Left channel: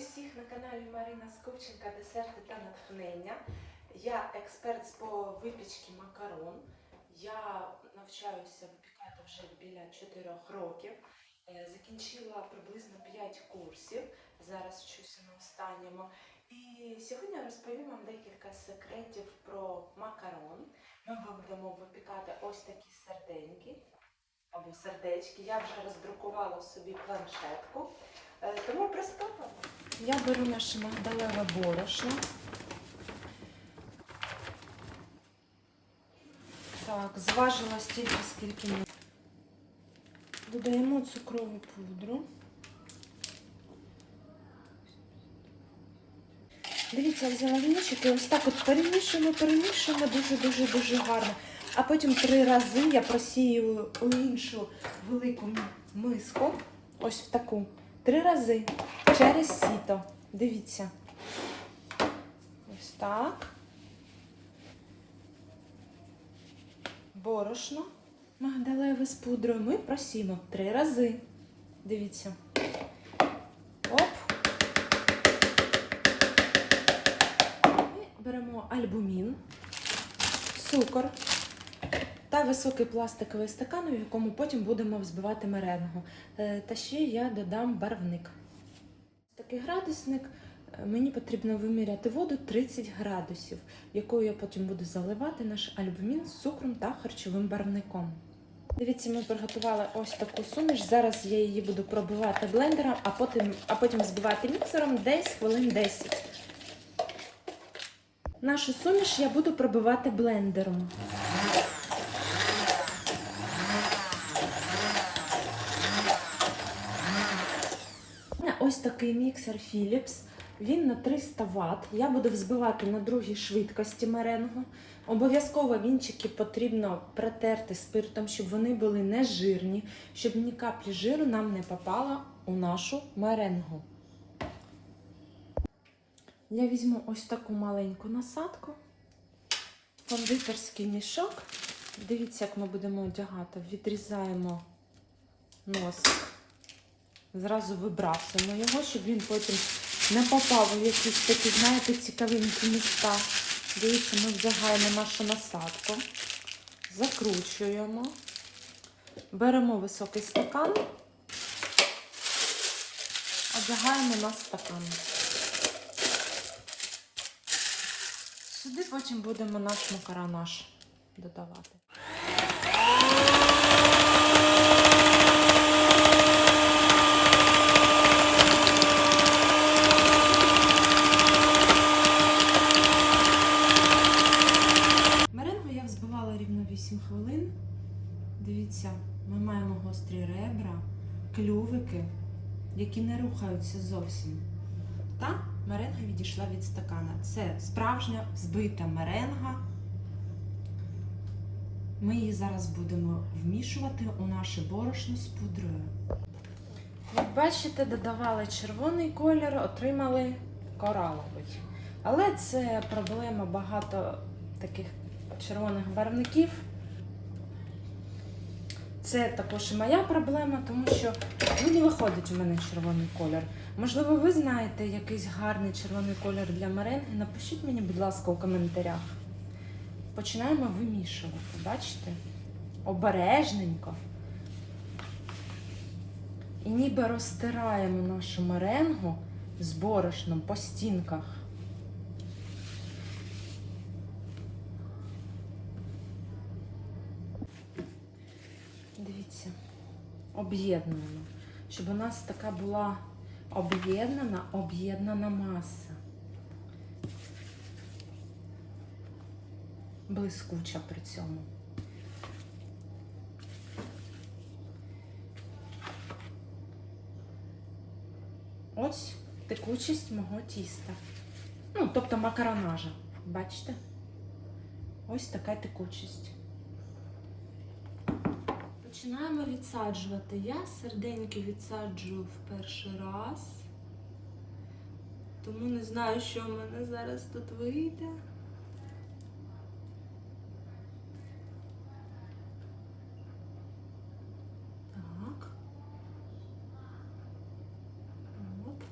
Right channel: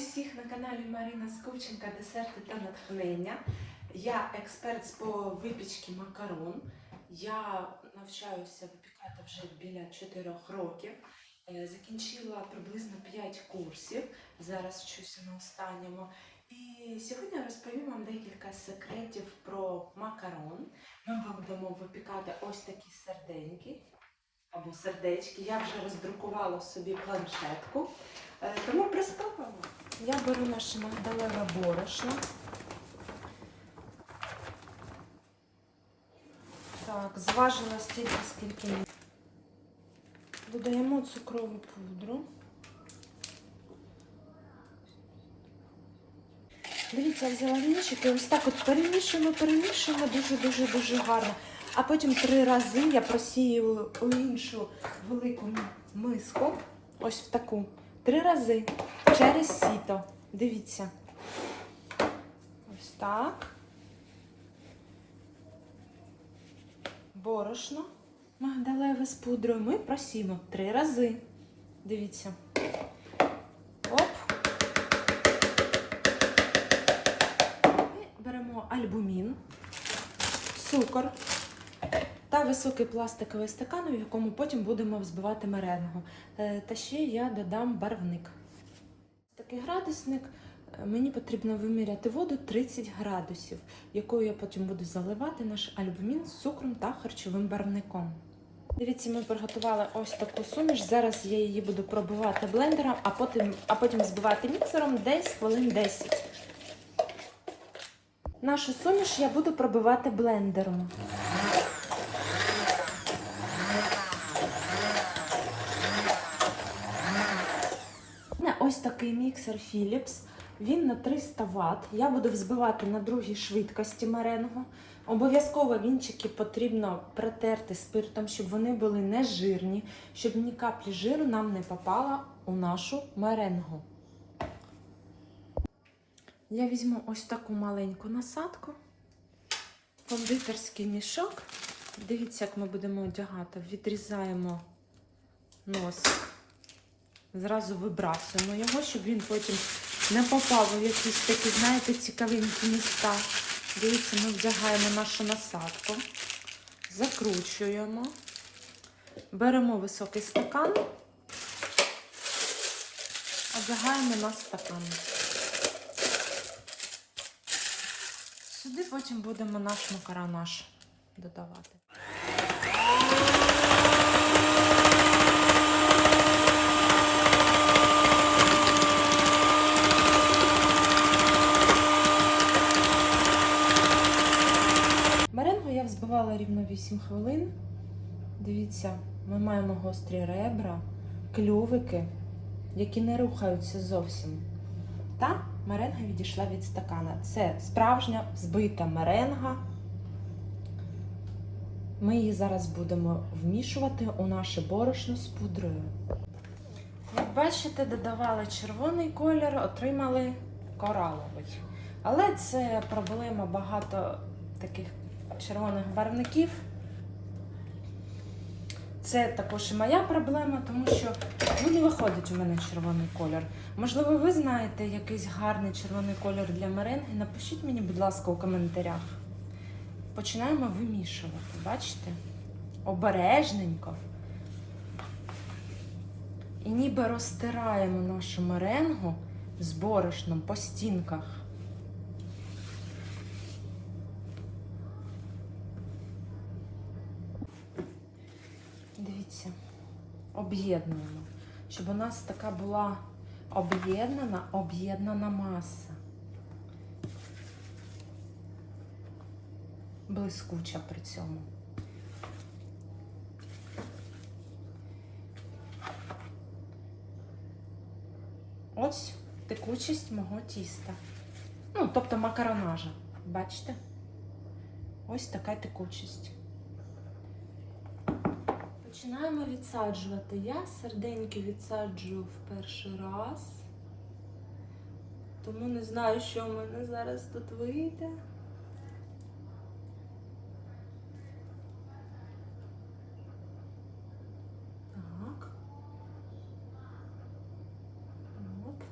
усіх на каналі Марина Скученка Десерти та натхнення. Я експерт з по випічки макарон. Я навчаюся випікати вже біля 4 років. Е, Закінчила приблизно 5 курсів. Зараз вчуся на останньому. І сьогодні розповім вам декілька секретів про макарон. Ми будемо випікати ось такі серденьки або сердечки. Я вже роздрукувала собі планшетку. Е, Тому приступимо. Я беру наше магдалеве борошно. Так, зважено стільки, скільки ми. Додаємо цукрову пудру. Дивіться, взяла вінчик і ось так от перемішуємо, перемішуємо дуже-дуже-дуже гарно. А потім три рази я просію у іншу велику миску, ось в таку. Три рази через сіто. Дивіться. Ось так. Борошно магдалеве з пудрою ми просімо три рази. Дивіться. Оп. І беремо альбумін, цукор та високий пластиковий стакан, в якому потім будемо взбивати меренгу. Е, Та ще я додам барвник. Такий градусник. е, Мені потрібно виміряти воду 30 градусів, якою я потім буду заливати наш альбумін з цукром та харчовим барвником. Дивіться, ми приготували ось таку суміш. Зараз я її буду пробивати блендером, а потім, а потім збивати міксером десь хвилин 10. Нашу суміш я буду пробивати блендером. У мене Ось такий міксер Philips. Він на 300 Вт. Я буду взбивати на другій швидкості меренгу. Обов'язково вінчики потрібно протерти спиртом, щоб вони були не жирні, щоб ні каплі жиру нам не попало у нашу меренгу. Я візьму ось таку маленьку насадку, кондитерський мішок. Дивіться, як ми будемо одягати. Відрізаємо нос. Зразу вибрасуємо його, щоб він потім не попав у якісь такі, знаєте, цікавенькі місця. Дивіться, ми вдягаємо нашу насадку, закручуємо, беремо високий стакан, одягаємо на стакан. Сюди потім будемо наш макаронаж додавати. Меренгу я взбивала рівно 8 хвилин. Дивіться, ми маємо гострі ребра, клювики, які не рухаються зовсім. Та меренга відійшла від стакана. Це справжня збита меренга. Ми її зараз будемо вмішувати у наше борошно з пудрою. Як бачите, додавали червоний колір, отримали кораловий. Але це проблема багато таких червоних барвників. Це також і моя проблема, тому що ну, не виходить у мене червоний колір. Можливо, ви знаєте якийсь гарний червоний колір для меренги. Напишіть мені, будь ласка, у коментарях. Починаємо вимішувати. Бачите? Обережненько. І ніби розтираємо нашу меренгу з борошном по стінках. Дивіться, об'єднуємо, щоб у нас така була об'єднана, об'єднана маса. Блискуча при цьому. Ось текучість мого тіста. Ну, тобто макаронажа. Бачите? Ось така текучість. Починаємо відсаджувати. Я серденьки відсаджую в перший раз. Тому не знаю, що в мене зараз тут вийде. Так. От.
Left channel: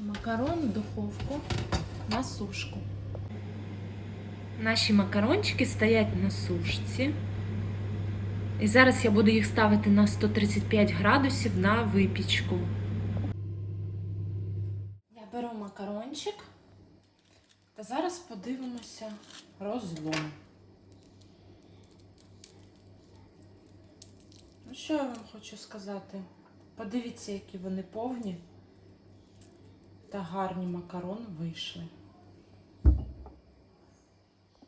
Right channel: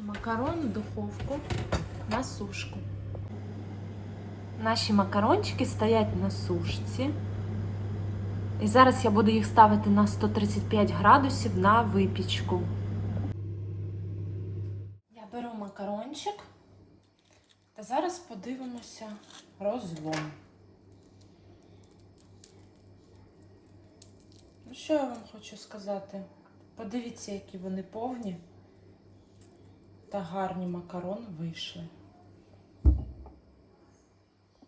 Макарони в духовку на сушку. Наші макарончики стоять на сушці. І зараз я буду їх ставити на 135 градусів на випічку. Я беру макарончик та зараз подивимося розлом. Ну, що я вам хочу сказати? Подивіться, які вони повні та гарні макарони вийшли.